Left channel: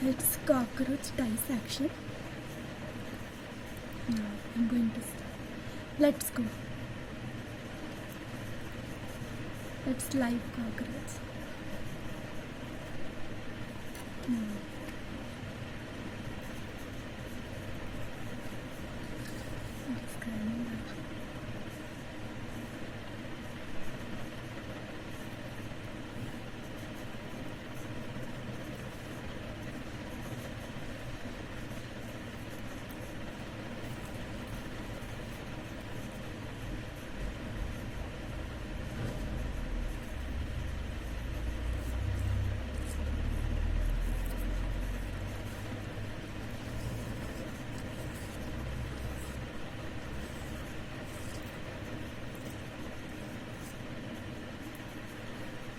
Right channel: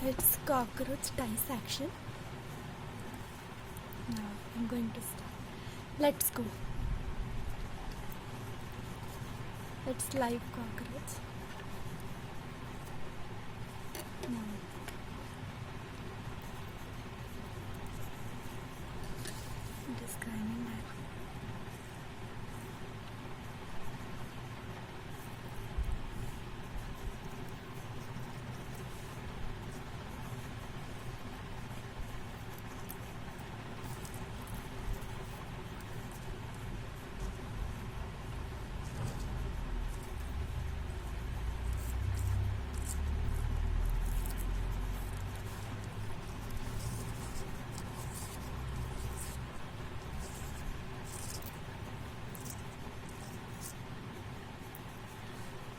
It's cockroach dissection. Now I'm going to start. Let's go. It's live cockroach. Now describing that.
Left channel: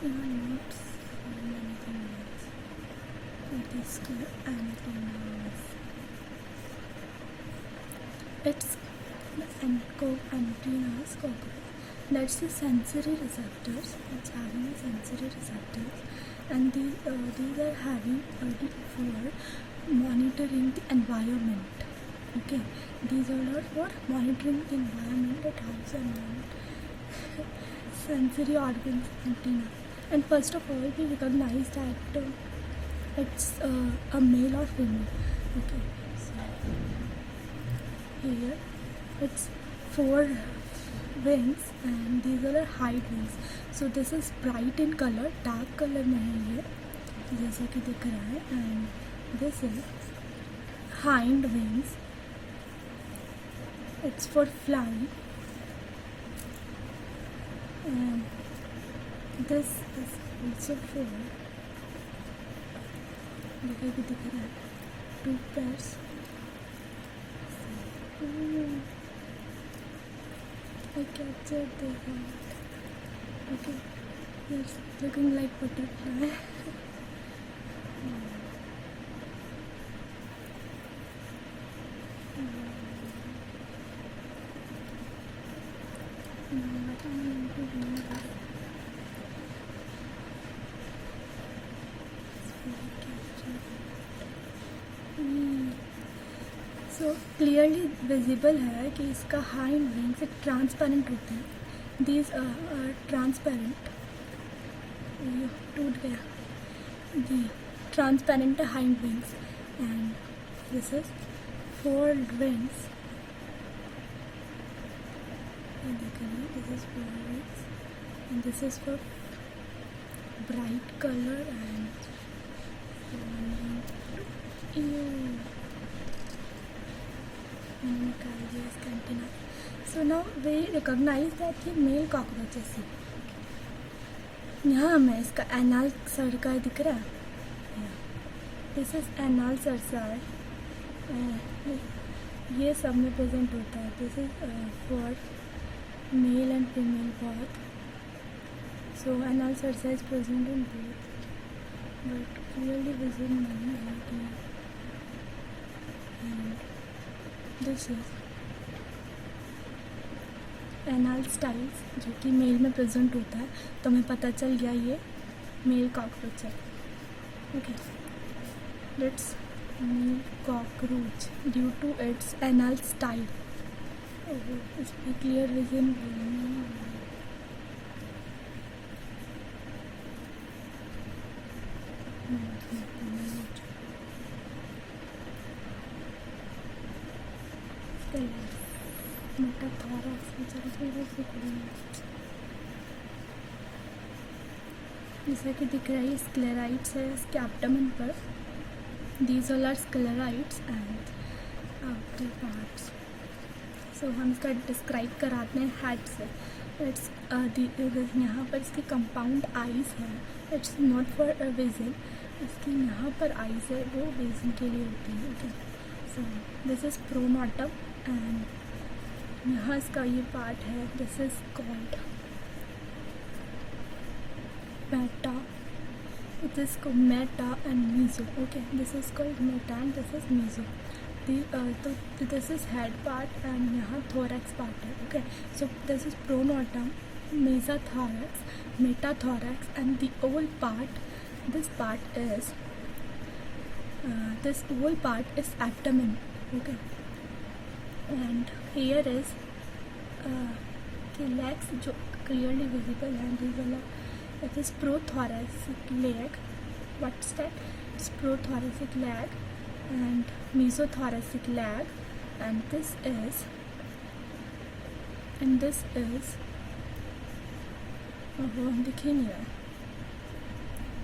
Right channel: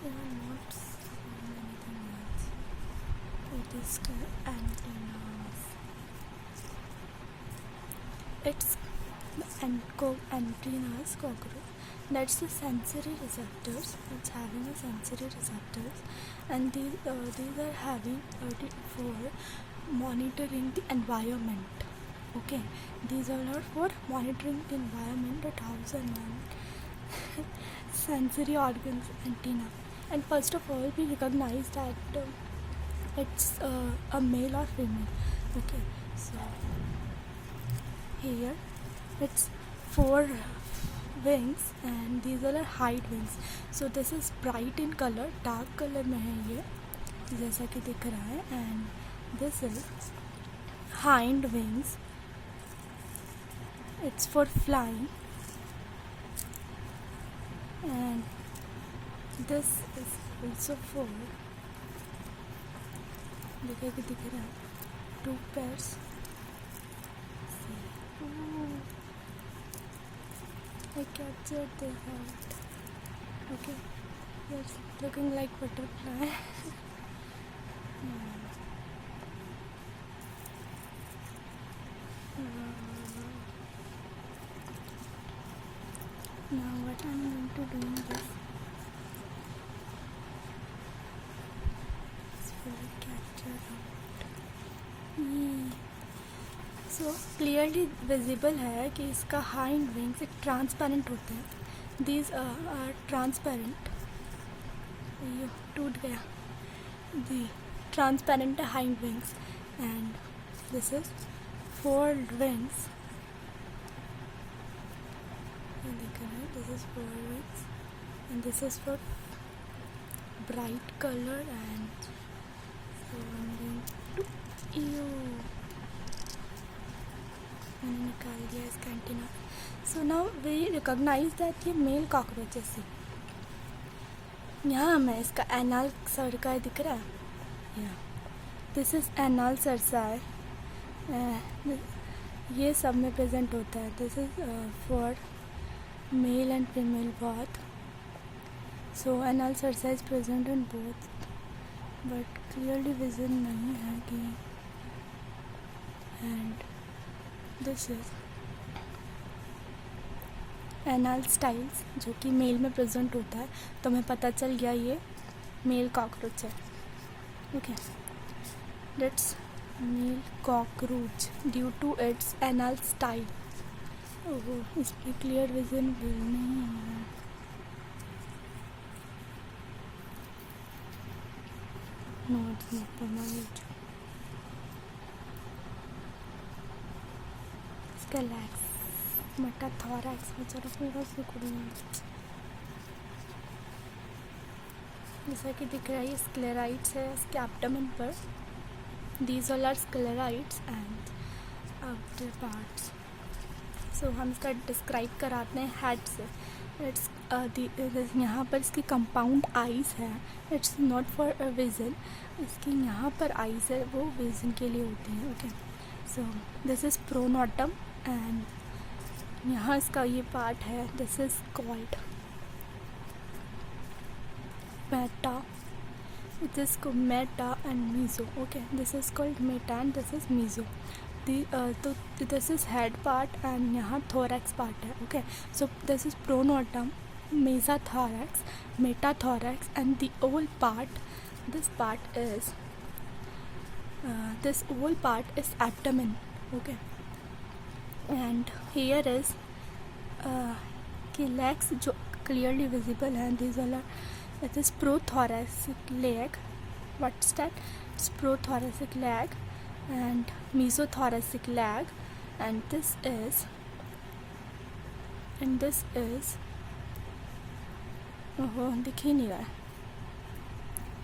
Not so many things. It is still antennas. It's antennas cockroach. That's the sensory receptors. It's having a sensory receptors, and these are having for monitoring the environment. Okay, these all are for monitoring the environment at house and sensory organs antenna. And first of all, we recognize that it's a male or female. Okay, so here it's 4 wings and these are hind wings. So this is bright in color, dark color में है ये जैसा कि दिख रहा है. And this is hind wings. It's for flying. And this is also for देखो कि दिख रहा है 2 pairs. I captured the head. Okay, it's looking like butterfly. Now what I'm going to do is so clearly visible है कि इसका hind wings transparent होते हैं. These are transparent. ये टूट गया. The transparent hind wings and this is 4 wings. This is 4 wings and this is for bright colour and मैंने निकाल दिया इसका antenna. So now we recognise that ये मेल कॉकरोचेस है. यहाँ हमें इसका एनाल सर्का दिख रहा है. This is anal cerci. ये सब में प्रेजेंट होता है. This is for male and female both. So anal cerci is present in both but clearly visible नहीं है कि. And this is anal styles जो कि मेल में प्रेजेंट होता है. तो हमें पता चल गया ये मेल कॉकरोच है. Okay, that's male cockroach due to its anal style. इस पर क्लियर विजन नहीं है. इसका लेग्स मेटाथोरैक्स बेचारा थोड़ा सा खुली है. जैसा कि दिख रहा है स्क्लेराइट्स है इसके एब्डोमेन पर. These all are sclerites and outer parts. So हम इसका डिस्क्राइब कराते हैं हेड से. इट्स यहाँ पर इसकी कंपाउंड आइज़ है. It's not for vision. इसकी यहाँ पर आइज़ है वो विजन के लिए होती है. Okay, so this is pronotum and यहाँ इसका ये पार्ट है. This is called meta. It is called meta and meso. Okay, this is called meta and this is meso. तो this is head part and यहाँ thorax part है. Okay, so this is pronotum, this whole part is abdomen. Okay, and here is legs जो clearly visible हैं. These all are, it is prothoracic leg. What's that? It's prothoracic leg and mesothoracic leg, and this is दिख ही नहीं रहा है.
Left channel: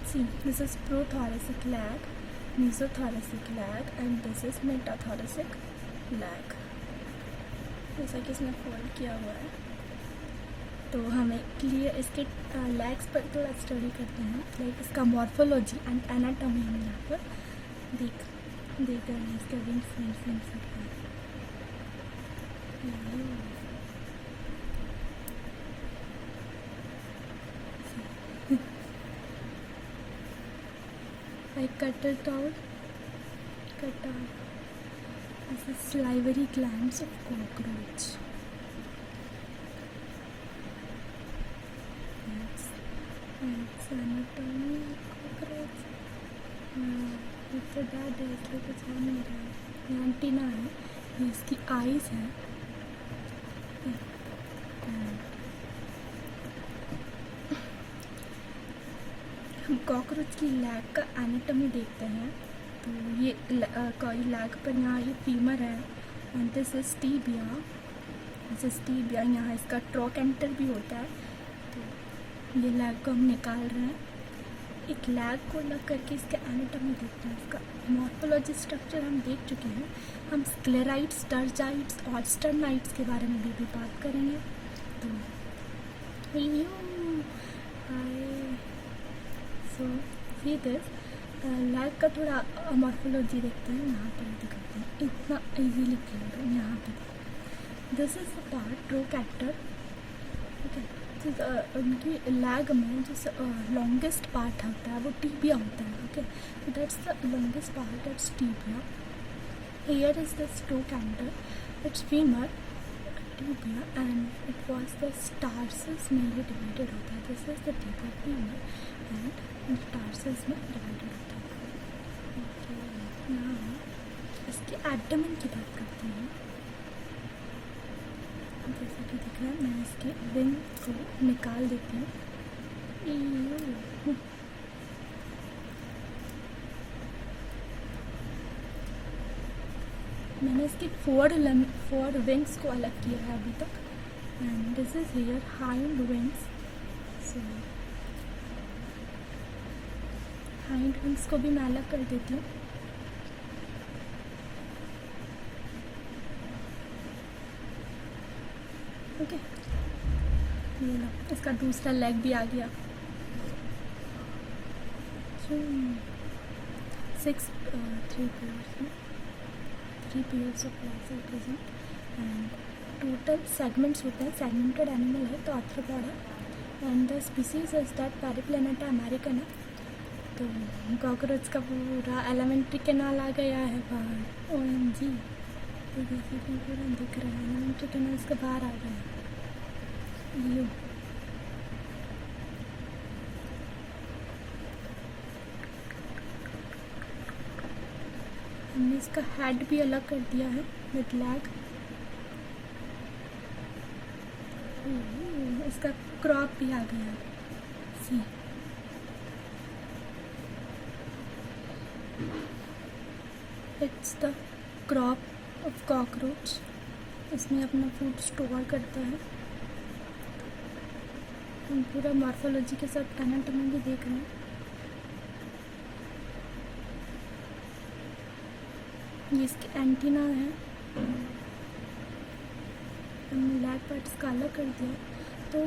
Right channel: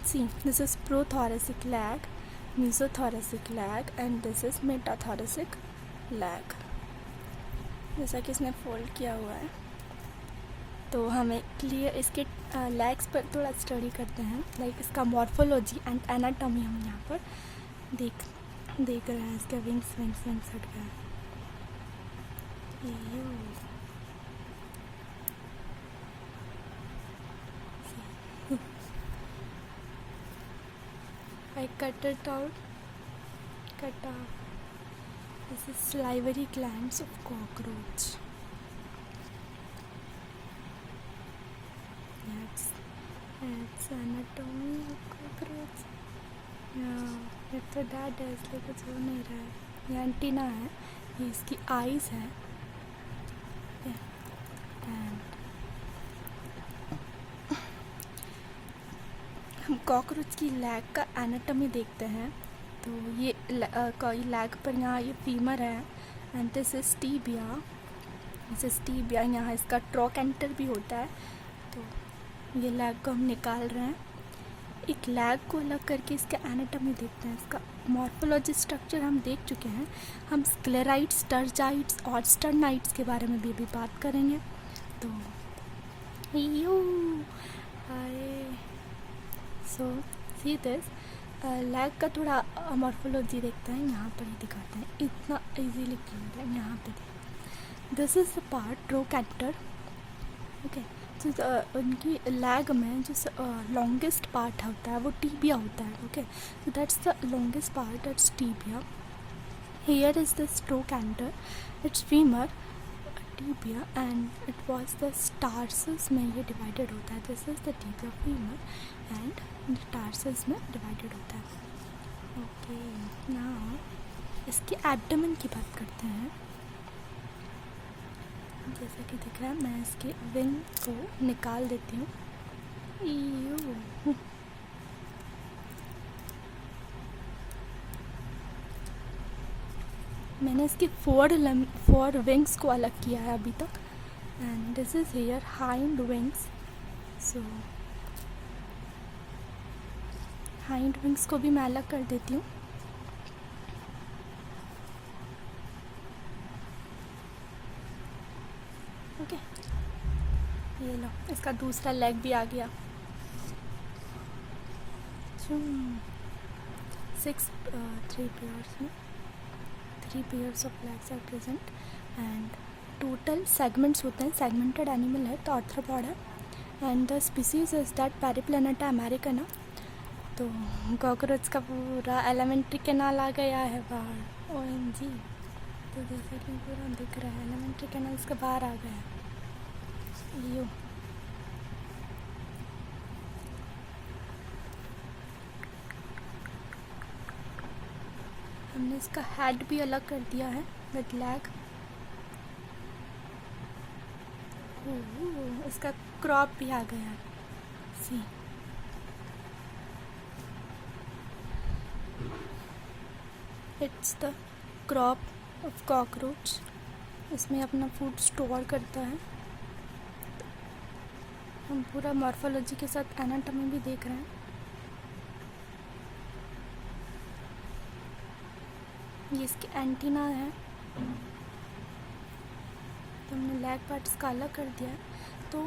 See, this is prothoracic leg, mesothoracic leg, and this is metathoracic leg. जैसा कि इसमें fold किया हुआ है. तो हमें क्लियर इसके लेग्स पर थोड़ा स्टडी करते हैं, लाइक इसका मॉर्फोलॉजी एंड एनाटॉमी हम यहाँ पर देख रहे हैं. इसके विंग्स हट गए. I cut it out. This is salivary glands of cockroach. That's anatomy of cockroach. ये तो डेड है इसलिए कुछ हो नहीं रहा है. ये एंटीना है, ये इसकी आईज हैं. हम कॉकरोच की लैग का एनाटॉमी देखते हैं. तो ये लैग पर यहाँ ये फीमर है एंड दिस इज टीबिया. यहाँ इसका ट्रोकेंटर भी होता है. तो ये लैग को हम निकाल रहे हैं. एक लैग को अलग करके इसका एनाटॉमी देखते हैं. इसका मॉर्फोलॉजी स्ट्रक्चर हम देख चुके हैं. हम स्क्लेराइट्स, स्टर्जाइट्स और स्टर्नाइट्स के बारे में भी बात करेंगे. तो सो सी दिस लैग का थोड़ा मॉर्फोलॉजी देखते हैं. यहाँ पर दिखाते हैं, इतना इजीली क्लियर है. यहाँ पे this is the part trochanter. Okay, उनकी लैग में जो लॉन्गेस्ट पार्ट होता है वो टीबिया होता है. Okay, so that's the longest part, that's tibia. Here is the trochanter, it's femur, tibia, and it was the tarsus में ये डिवाइडेड होता है. This is the tibia, femur and tarsus में डिवाइडेड होता है. ओके, नाउ इसके abdomen की बात करते हैं. जैसा कि दिख रहा है, मैं इसके विंग को निकाल देती हूँ. मैंने इसके फोर विंग्स को अलग किया है अभी तक. And this is here hind wings. So hind wings को भी मैं अलग कर देती हूँ. ओके, ये लो, इसका दूसरा लेग भी आ गया. 3 pairs of legs are present and total segments होते हैं. सेगमेंटेड एनिमल है तो आर्थ्रोपॉड है. And the species is that Periplaneta americana. तो कॉकरोच का पूरा एलिमेंट्री कैनाल आ गया है बाहर. OMG, तो जैसे कि पूरा दिख रहा है एलिमेंट्री कैनाल इसका बाहर आ गया है. यो हमने इसका हेड भी अलग कर दिया है विद लैग. इसका क्रॉप भी आ गया है. See, it's the crop of cockroach. इसमें अपना फूड स्टोर करता है. हम पूरा मॉर्फोलॉजी के साथ एनाटॉमी भी देख रहे हैं. ये इसके एंटीना है. हमने लेग पार्ट्स का अलग कर दिया. तो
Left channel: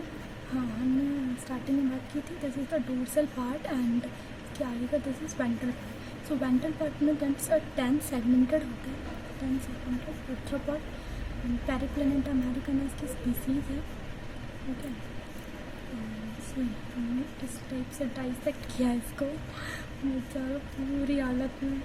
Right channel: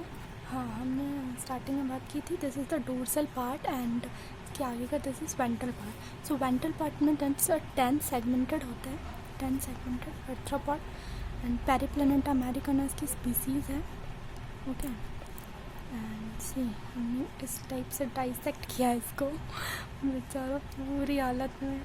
हाँ, हमने स्टार्टिंग में बात की थी. This is the dorsal part and इसके आगे का this is ventral part. So ventral part में 10 सेगमेंटेड होता है. 10 सेगमेंटेड आर्थ्रोपॉड एंड पैरीप्लैनेटा अमेरिकना इसकी स्पीसीज़ है. ओके, एंड सी हमने इस टाइप से डाइसेक्ट किया है इसको. बेचारा पूरी हालत में.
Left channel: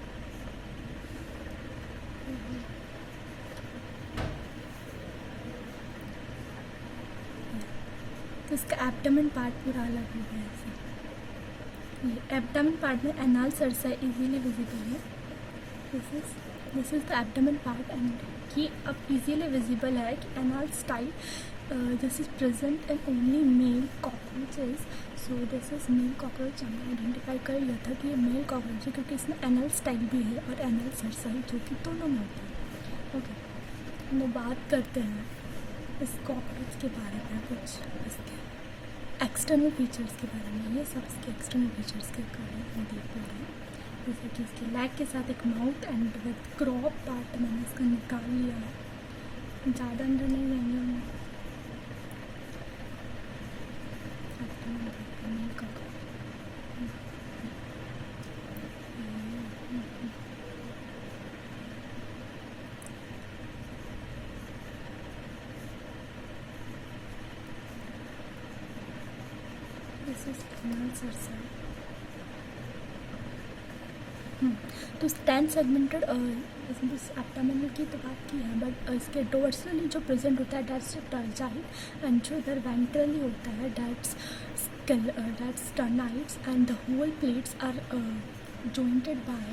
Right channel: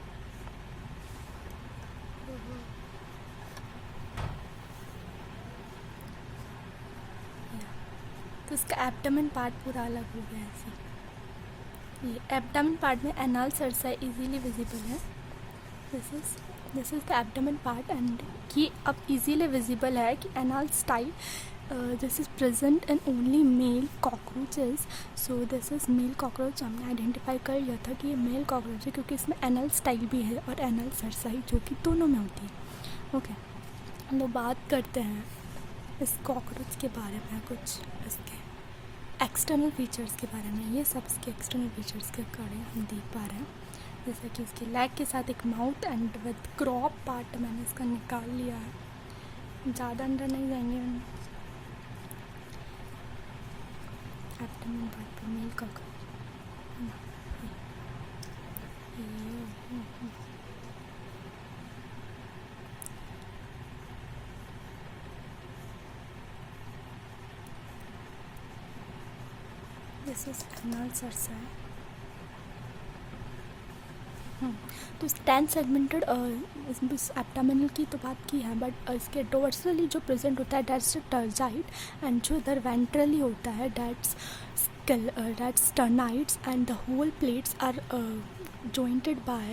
तो इसका एब्डोमेन पार्ट पूरा अलग हो गया ऐसे. ये एब्डोमेन पार्ट में एनाल सर्सा इजीली विजिबल है. This is the abdomen part and ये अब इजीली विजिबल है कि anal style this is present in only mail cockroaches. So this is male cockroach. हमने आइडेंटिफाई कर लिया था कि ये मेल कॉकरोच है क्योंकि इसमें एनल स्टाइल भी है और एनल सरसाई जो कि दोनों में होती है. ओके, हम लोग बात करते हैं इस कॉकरोच के बारे में, कुछ इसके एक्सटर्नल फीचर्स के बारे में. ये सब इसके एक्सटर्नल फीचर्स के बारे में हम देख पा रहे हैं, जैसे कि इसकी लेग के साथ एक mouth and with crop part मैंने इसका निकाल लिया है. ज़्यादा अंदर नहीं जाएंगे हम. एब्डोमेन पार्ट पे male cockroach. This is anal cerci. तो 10 सेगमेंटेड इस एब्डोमेनल की तो बात की है, बट इसके डोर्सली जो प्रेजेंट होता है दैट्स टर्जाइड एंड जो इधर वेंट्रली होता है that's sternites and the whole plates are jointed by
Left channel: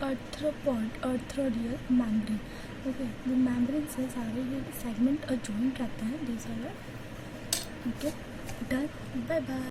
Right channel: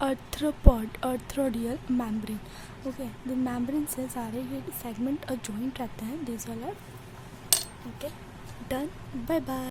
arthropodial membrane. Okay, the membrane से सारे ये सेगमेंट जॉइंट रहते हैं. These all are okay. Done. Bye bye.